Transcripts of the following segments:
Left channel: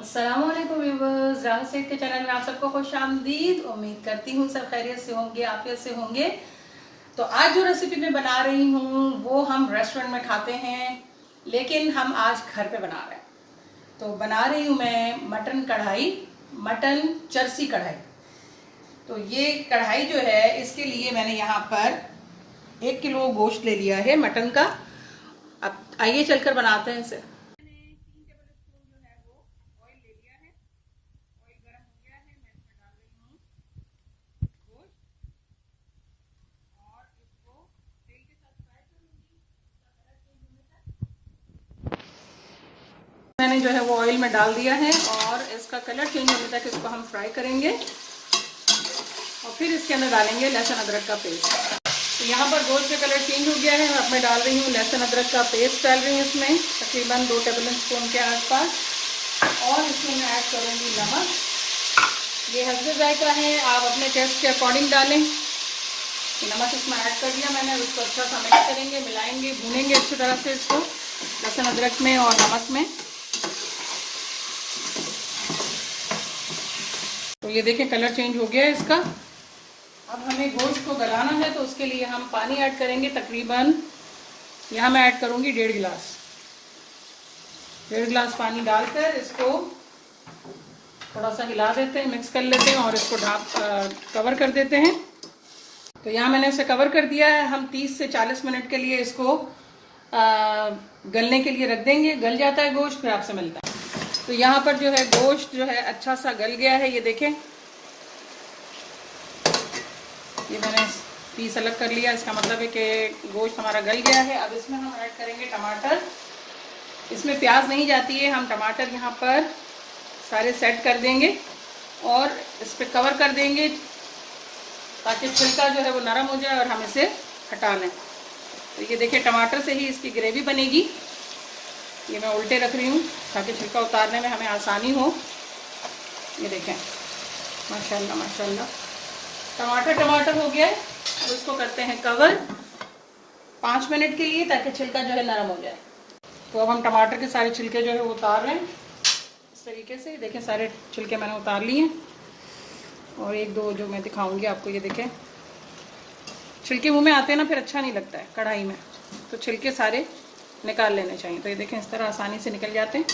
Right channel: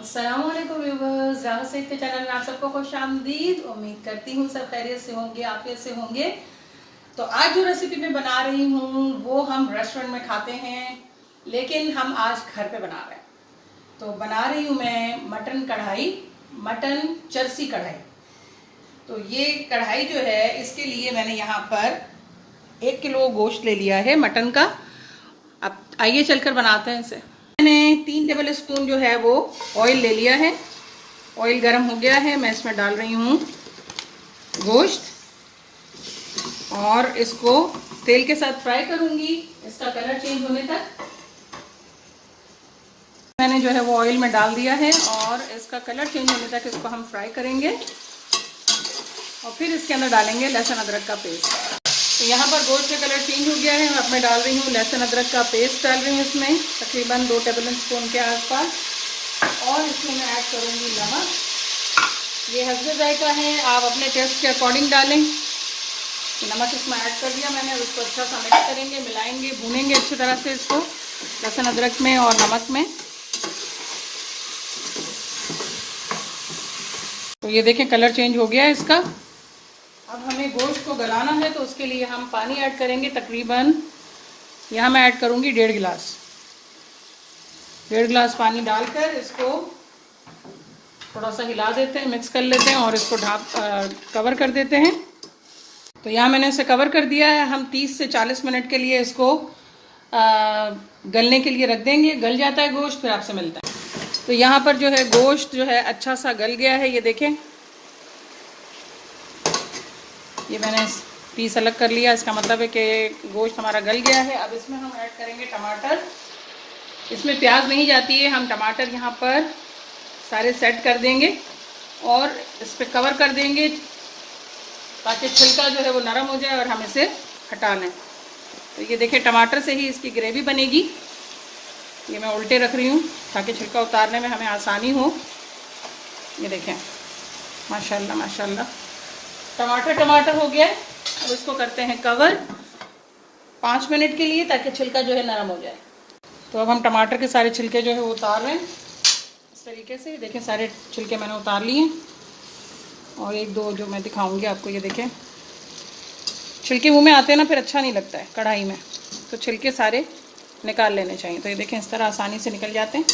अस्सलाम वालेकुम व्यूअर्स, राह सईद के चैनल में आप सबको खुश आमदीद। उम्मीद करती हूँ सब खैरियत से होंगे, आफियत से होंगे। तो आज जो रेसिपी मैं बना रही हूँ वो हम रेस्टोरेंट में खाते हैं, लेकिन हम आज घर पे बना रहे हैं। तो बना रही हूँ मैं मटन कढ़ाई, मटन चरसी कढ़ाई। तो ये कढ़ाई जो है, इसके लिए मैंने यहाँ पर 1 किलो गोश्त ले लिया है मटन का। अब आइए चलकर बनाते हैं इसे। मैंने 3 टेबल स्पून जो है वो ऑयल ले लिया है। ऑयल गर्म हो गया है, मैं इसमें डाल रही हूँ गोश्त और इसको तेल के साथ फ्राई करूँगी इसका कलर चेंज होने तक। मैंने जो है वो ऑयल में डाल दिया है और इसका कलर चेंज होने तक इसको हम फ्राई करेंगे और फिर इसके अंदर डालेंगे लहसुन अदरक का पेस्ट। तो यहाँ पर गोश्त का कलर चेंज हो गया है। अब मैं डाल रही हूँ लहसुन अदरक का पेस्ट, डाल रही हूँ इसमें तकरीबन 2 टेबल स्पून के आसपास। और इसमें मैं ऐड करूँगी नमक। ये हस्बे जायका है, आप अपने टेस्ट के अकॉर्डिंग डालें। नमक इसमें ऐड कर दिया मैंने। इसको अच्छा सा मिक्स करेंगे, मिलाएंगे, भूनेंगे अच्छी तरह से इसको लहसुन अदरक में और नमक में। तो ये देखिए कलर चेंज हो गया है इसका। अब हमें गोश्त को गलाना है, तो उसके लिए हम पानी ऐड करेंगे। तकरीबन यहाँ मैं ऐड करूँगी 1.5 गिलास। 1.5 गिलास पानी डालकर इसको थोड़ा सा हिला देते हैं, मिक्स कर लेते हैं और इसको कवर कर देते हैं। तो यहाँ मैंने इसे कवर कर दिया है। हम 30 से 40 मिनट के लिए इसको गलने के लिए रख देंगे। गल जाता है गोश्त, फिर आपसे मिलता है। तो यहाँ पर जो है गोश्त जो है अच्छा सा गल गया है। ये देखें, ये मैंने पीस अलग कर लिया। इसका मतलब है कि गोश्त हमारा गल गया है। अब इसमें हम ऐड करेंगे टमाटर। इसमें प्याज नहीं जाती है, हम टमाटर यहाँ पर सारे सेट कर देंगे और इस पर कवर कर देंगे ताकि छिलका जो है वो नरम हो जाए और हम इसे हटा लें। तो ये देखिए टमाटर से ही इसकी ग्रेवी बनेगी। ये मैं उल्टे रख रही हूँ ताकि छिलका उतारने में हमें आसानी हो। ये देखें, माशाल्लाह माशाल्लाह टमाटर हो गया। अब इसको करते हैं कवर 5 मिनट के लिए ताकि छिलका जो है नरम हो जाए। तो अब हम टमाटर के सारे छिलके जो है वो उतार रहे हैं इस तरीके से। देखें सारे छिलके मैंने उतार लिए हैं और 1-2 जो मैं दिखाऊंगी आपको। ये देखें छिलके मुंह में आते हैं ना, फिर अच्छा नहीं लगता है कढ़ाई में, तो छिलके सारे निकाल लेने चाहिए। तो ये देखें इस तरह आसानी से निकल जाते हैं।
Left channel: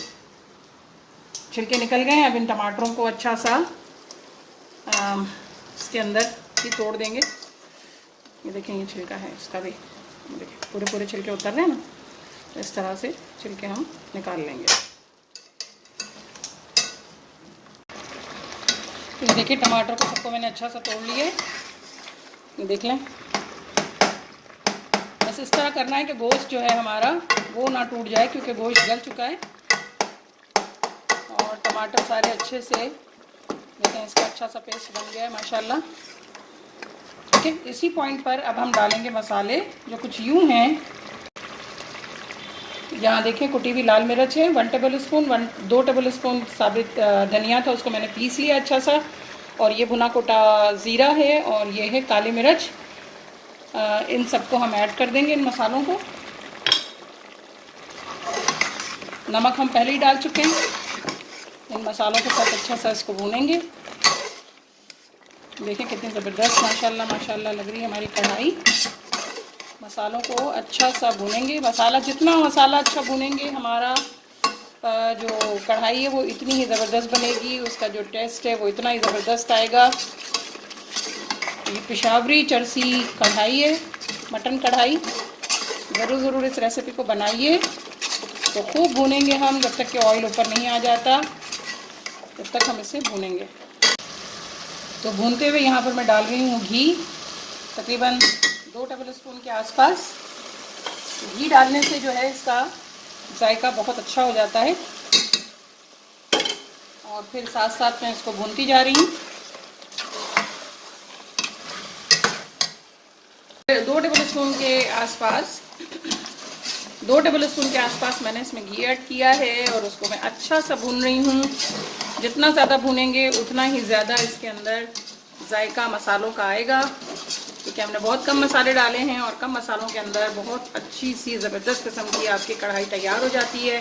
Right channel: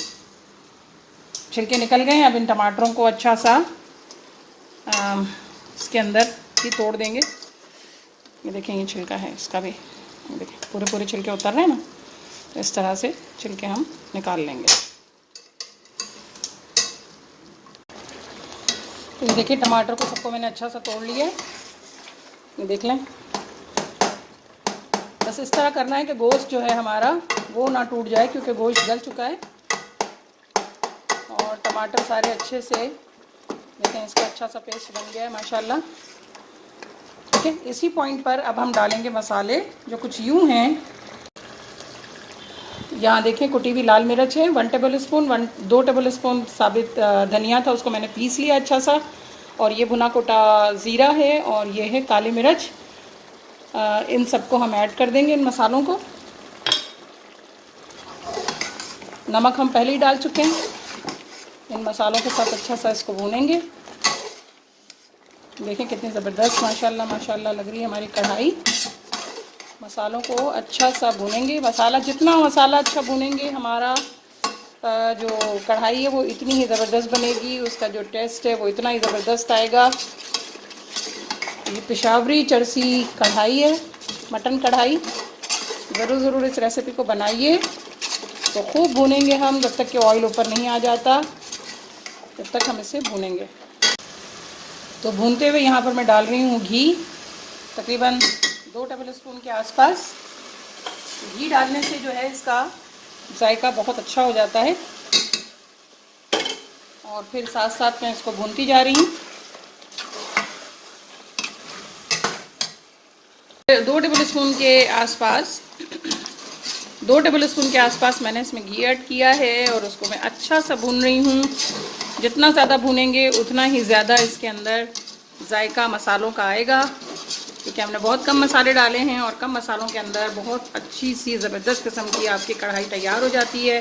छिलके निकल गए हैं। अब इन टमाटरों को अच्छा सा इसके अंदर ही तोड़ देंगे। ये देखें ये छिलका है इसका भी, देखें पूरे छिलके उतर रहे हैं ना। तो इस तरह से छिलके हम निकाल लेंगे। तो ये देखिए टमाटर को सबको मैंने अच्छा सा तोड़ लिया है। ये देख लें, बस इस तरह करना है कि गोश्त जो है हमारा वो ना टूट जाए, क्योंकि गोश्त गल चुका है और टमाटर सारे अच्छे से, लेकिन इसका अच्छा सा पेस्ट बन गया है माशाल्लाह। ठीक है, इसी पॉइंट पर अब हम डालेंगे मसाले जो कुछ यूँ हैं। यहाँ देखिए कुटी हुई लाल मिर्च है 1 टेबल स्पून, 2 टेबल स्पून साबित धनिया था, उसको मैंने पीस लिया अच्छा सा। और ये भुना कोटा ज़ीरा है और ये है काली मिर्च। इन सबको हम ऐड कर देंगे, इन मसालों को। नमक हम पहले ही डाल चुके हैं। इन मसालों के साथ अच्छा सा इसको भूनेंगे। देखें कितनी ज़बरदस्त माशाल्लाह माशाल्लाह लग रही है हमारी कढ़ाई। मसालों को अच्छा सा भूनेंगे। जितना मसाला अच्छा भूनेंगे हमारा जो कढ़ाई है वो इतनी ही ज़बरदस्त बनेगी। उसका जो टेस्ट है वो इतना ही ज़बरदस्त आएगा। ये पेशावरी चरसी कढ़ाई है, मटन कढ़ाई। ज़रूर इस रेसिपी को बनाइए। तो खूब भूनेंगे हम जब तक कि ऑयल ऊपर नहीं आ जाता, तब तक हम इसे भूनेंगे। तो भूनते हुए यहाँ पर मैं डाल रही हूँ घी, तकरीबन 2 टेबल स्पून के आसपास। घी डालने से जो है इसका जायका बहुत अच्छा हो जाता है। और फिर साथ साथ मैं इसको भूनती जा रही हूँ। 2 टेबल स्पून के आसपास मैंने इसमें घी ऐड किया है और उसको मैं अच्छा सा भून रही हूँ। जितना ज़्यादा भूनेंगे उतना ही ज़्यादा इसके अंदर जायका मसालों का आएगा, क्योंकि हमने बहुत कम मसाले डाले हैं और कम मसालों के अंदर बहुत अच्छी सी ज़बरदस्त किस्म की आपकी कढ़ाई तैयार हो जाती है।